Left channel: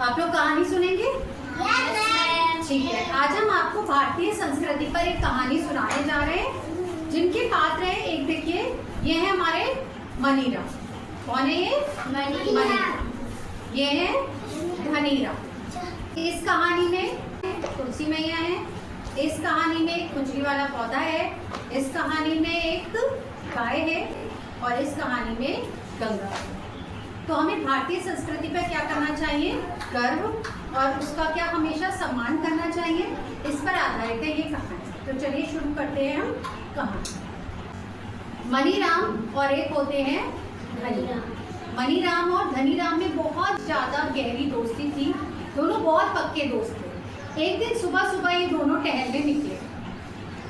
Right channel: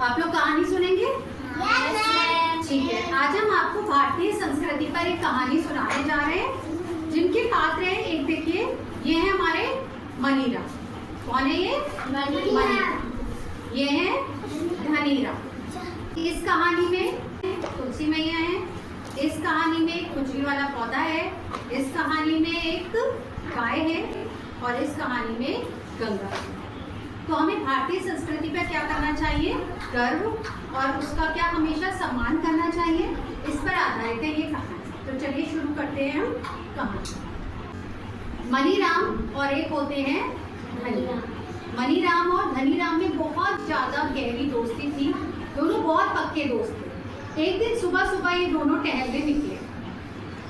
आप लोग कहानी सुनेंगे? ठीक है, आज हम आपको भारतीय संस्कृति पर एक कहानी सुनाने जा रहे हैं जिनके पात्र है। एक देखिए, ये है हमारे मनीराम। कौन है ये? मनीराम। ये है धनीराम। इस कहानी में तुलसी मैया है, इस कहानी में एक खुजली वाला पौधा है, इस कहानी में एक गाय है और इस कहानी में गंगा है। तो हमें भारतीय संस्कृति पर क्या करना चाहिए? गर्व और उसका क्या हमेशा सम्मान करना चाहिए। इस पर आधारित है ये कहानी। तो चलिए शुरू करते हैं हम कहानी। मनीराम और एक होते हैं धनीराम। मनीराम और धनीराम में बहुत ज्यादा गहरी दोस्ती थी। दोनों बहुत पक्के दोस्त थे। एक दिन सुबह सुबह ये दोनों टहलने निकले।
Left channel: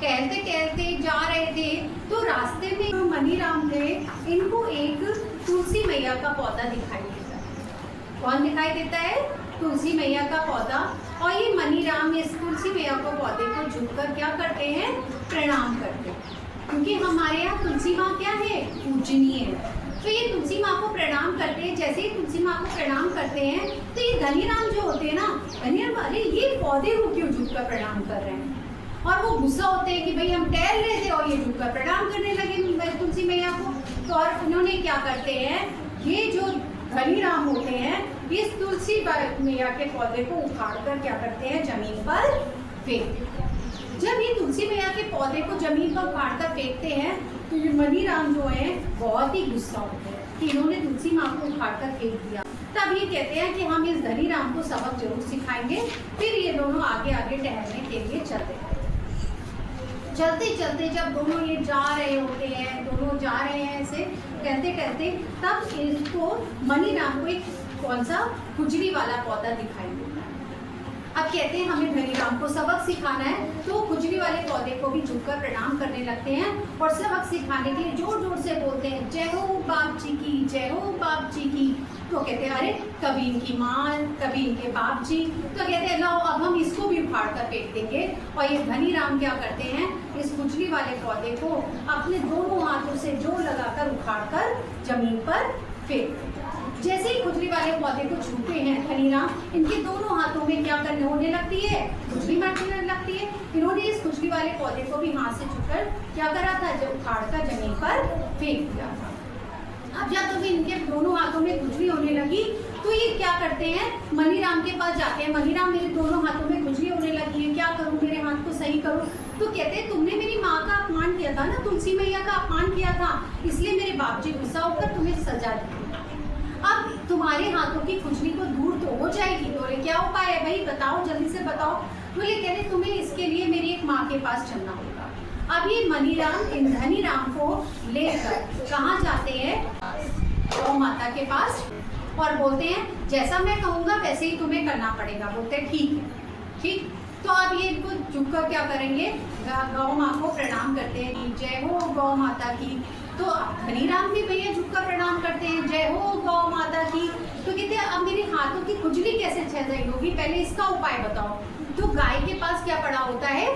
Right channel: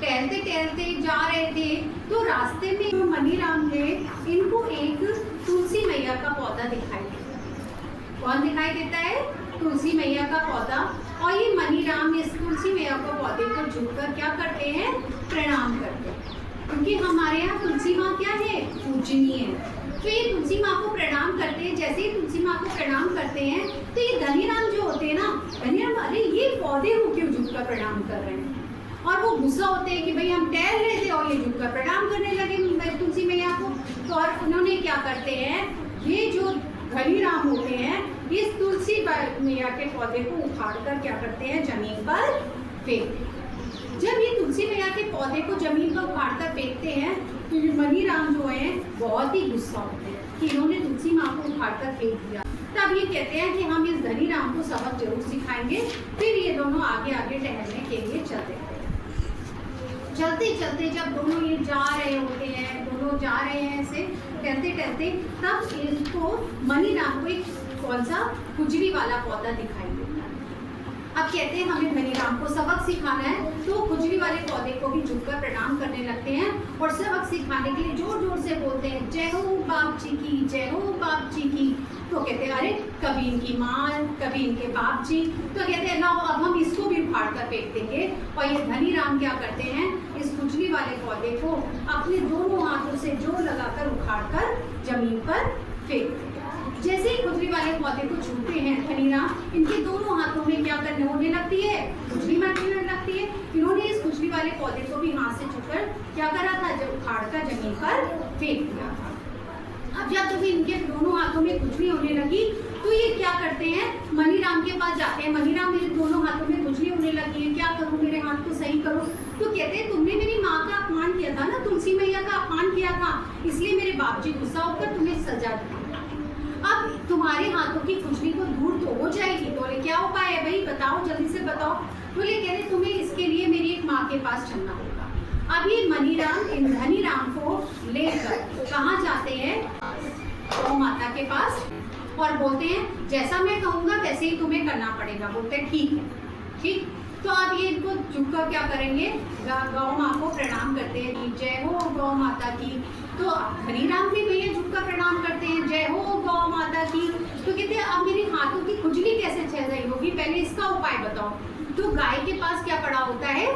टहलते टहलते जा रहे थे तो रास्ते में मनीराम ने इनको एक तुलसी मैया का पौधा दिखाई देता है। कौन दिखाई देता है? तुलसी मैया का पौधा। और ये मनीराम इस तुलसी मैया के पौधे को झुककर क्या करते हैं? प्रणाम करते हैं, क्योंकि हमारे यहाँ तुलसी माँ क्या है? पूजनीय है। तो ये तुलसी माँ को प्रणाम करते हैं। जैसे ही तुलसी माँ को प्रणाम करते हैं तो ये धनीराम जो होते हैं ना, धनीराम अरे ये पौधे को क्यों झुककर प्रणाम कर रहे हैं? और वो गुस्सा होते हैं कि भाई हम टहल रहे थे और ये झुककर प्रणाम करने लगे तुलसी मैया को। तो और उन्होंने क्या करते हैं, ये जो धनीराम होते हैं ये तुलसी मैया के पौधे को उखाड़कर क्या करते हैं? जमीन पर फेंकते हैं। जब ये तुलसी मैया के पौधे को जमीन पर उखाड़कर फेंकते हैं तो ये मनीराम जो है बहुत ही गुस्सा होते हैं कि इन्होंने तुलसी माँ को उखाड़कर फेंक दिया। तब ये कहते हैं कि हम इस धनीराम को सबक जरूर सिखाएंगे। फिर ये दोनों आगे आगे टहलने के लिए चलते हैं। चलते चलते जब दोनों ये जा रहे होते हैं, दोनों जा रहे हैं ऐसे टहलते टहलते, तब इनको मनीराम को एक कौन सा खुजली वाला पौधा दिखाई देता है। अब कहते हैं हमें धनीराम को सबक सिखाना है, तो खुजली वाले पौधे को भी झुककर प्रणाम करने लगते हैं और सबक सिखाने के लिए जोर जोर से बोलते हैं, जय हो बाप जी की, जय हो बाप जी की। तो कहते हैं अरे कभी इनकी माँ, कभी इनके बाप जी। तो कहते हैं लाओ अब हम इसको भी उखाड़ कर फेंक देंगे। और ये धनीराम क्या करते हैं, इस खुजली वाले पौधे को अपने दोनों हाथों से जोर लगाकर उखाड़कर जमीन पर फेंक देते हैं। जैसे ही खुजली वाले पौधे को छूते हैं धनीराम, इनके दोनों हाथों में क्या करने होने लगती है? खुजली महसूस लगती है। इन्होंने इस खुजली वाले पौधे को भी हाथ से छूकर क्या करा था? जो उखाड़कर जमीन पर फेंक दिया था। अब जब तक इनके दोनों हाथों में खुजली होने लगी तो ये क्या करते हैं? मनीराम के पास जाते हैं। मनीराम मेरे दोनों हाथों में खुजली होने लगी है, क्या करूं? मेरे हाथ को सही करो। तो कहते हैं तुमने मेरी माँ का अपमान किया था ना, तुलसी मैया का अपमान किया था, इसलिए मेरे बाप जी गुस्सा होकर तुम्हें सजा दी। अब तुम्हारे हाथों की खुजली को दूर तो हो जाएगी। बोले क्या उपाय है भाई, बताओ जल्दी से बताओ। बोले कहते तुम्हें इसके लिए मेरी एक माँ के पास चलना होगा। अब ये मनीराम इन धनीराम को लेकर कहाँ जाते हैं? गौ माता के पास, और बोलते हैं जैसा मैं कहूँगा वैसे ही तुम्हें करना पड़ेगा। बोलते हैं ठीक है, ठीक। तो अब ये इनको झुककर क्या करेंगे? गौ माँ को प्रणाम करते हैं, जय हो गौ माता की। तो धनीराम भी भैया झुककर प्रणाम करते हैं, जय हो गौ माता की। तो कहते हैं अब मेरी हाथों की खुजली कैसे चल रही होगी, पहले इसका उपाय बताओ। तो गाय के पास क्या पड़ा होता है?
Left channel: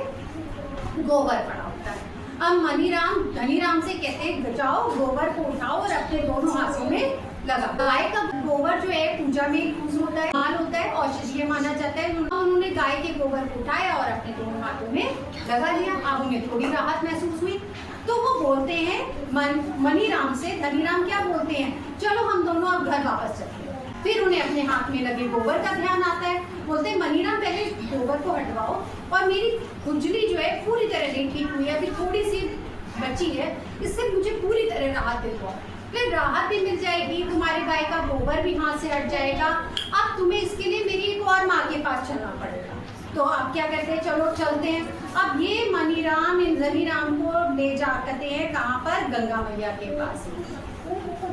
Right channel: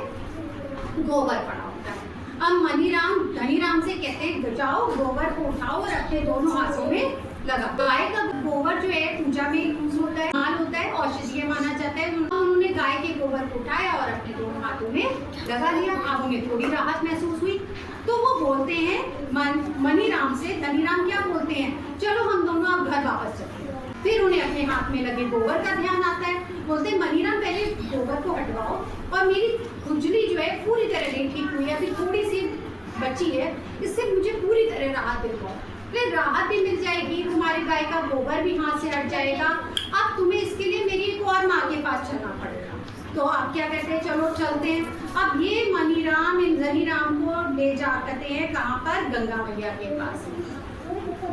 गोबर पड़ा होता है। अब मनीराम धनीराम से कहते हैं जाओ गोबर को उठाओ और अपने दोनों हाथों में लगा। गाय का गोबर जो है पूजा में यूज होता है, माल होता है, औषधीय माना जाता है। उन्होंने गाय के गोबर को उठाया और अपने दोनों हाथों में लगा लिया। अब उन्हें थोड़ी राहत महसूस हुई। तो वो बोलते हैं मनीराम से, धनीराम क्या बोलते हैं, चलो हम दोनों अब घर वापस चलते हैं। फिर उन्हें अपने हाथ में लगे गोबर का ध्यान आता है। बोलते हैं मनीराम पहले गोबर को हटवाओ और मेरी खुजली जो है पूरी तरह नहीं ठीक हुई है, अभी थोड़ी सी बची है, इससे मुझे पूरी तरह राहत दिलवाओ। फिर राहत भी मिल जाएगी, तुम्हारे गाय का गोबर भी हाथ से हट जाएगा। अब तुम्हें इसके लिए मेरी एक और माँ के पास चलना पड़ेगा। तो अब क्या कहते हैं, चलो चलते हैं। अब ये मनीराम इन धनीराम को ले जा करते हैं कहाँ पर? गंगा मैया के पास।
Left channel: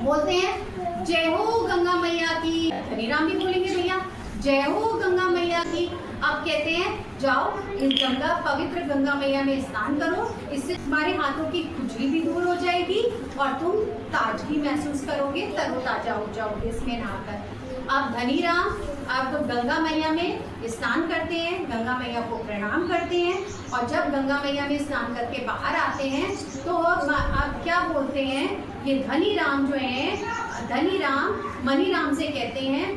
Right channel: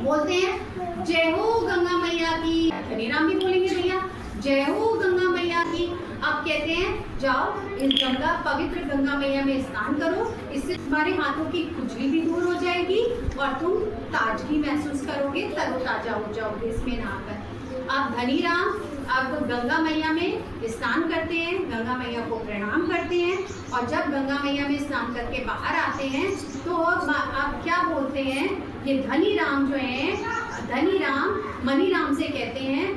बोलते हैं जय हो गंगा मैया की। धनीराम भी बोलेंगे भैया जय हो गंगा मैया की। अब कहते हैं जाओ इस गंगा पवित्र गंगा मैया में स्नान करो, इससे तुम्हारे हाथों की खुजली भी दूर हो जाएगी और तुम ताजगी महसूस करोगे, तरोताजा हो जाओगे इसमें नहाकर। अब धनीराम अब गंगा मैया में स्नान करते हैं, गंगा मैया को प्रणाम करते हैं और जब गंगा मैया में स्नान करके बाहर आते हैं तो अब क्या बोलते हैं, ये धनीराम जो है, धनीराम मनीराम से कहते हैं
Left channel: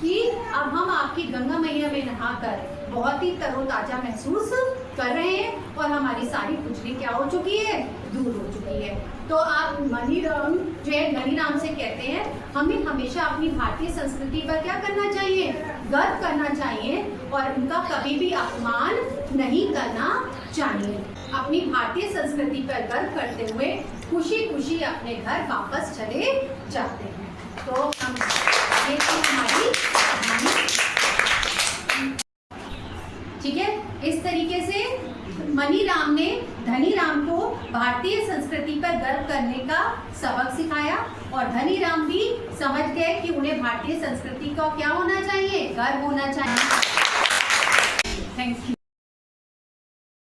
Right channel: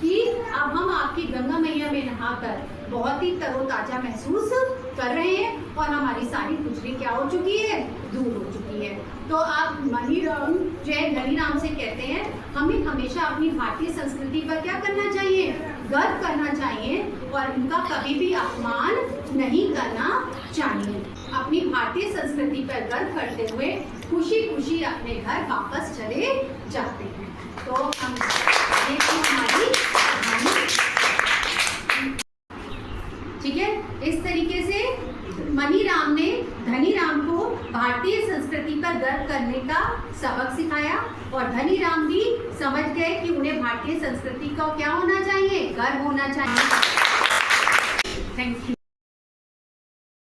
कि अब हम आपकी गंगा मैया में नहाकर बहुत ही तरोताजा महसूस कर रहे हैं और हमारी सारी खुजली क्या हो चुकी है, दूर हो चुकी है। तो आप मनीराम जय धनीराम से कहते हैं हमें हमेशा अपनी भारतीय संस्कृति पर क्या करना चाहिए, गर्व करना चाहिए और इनका कभी भी अपमान नहीं करना चाहिए। अपनी भारतीय संस्कृति पर गर्व करते हुए खुशी खुशी अपने घर वापस चले जाते हैं। तो हम ये थी हमारी कहानी, ठीक है। इस तरीके से मनीराम ने धनीराम को भारतीय संस्कृति पर गर्व करने का सबक सिखाया और धनीराम भी समझ गए कि उन्हें भारतीय संस्कृति का क्या होना चाहिए, गर्व होना चाहिए। Thank you.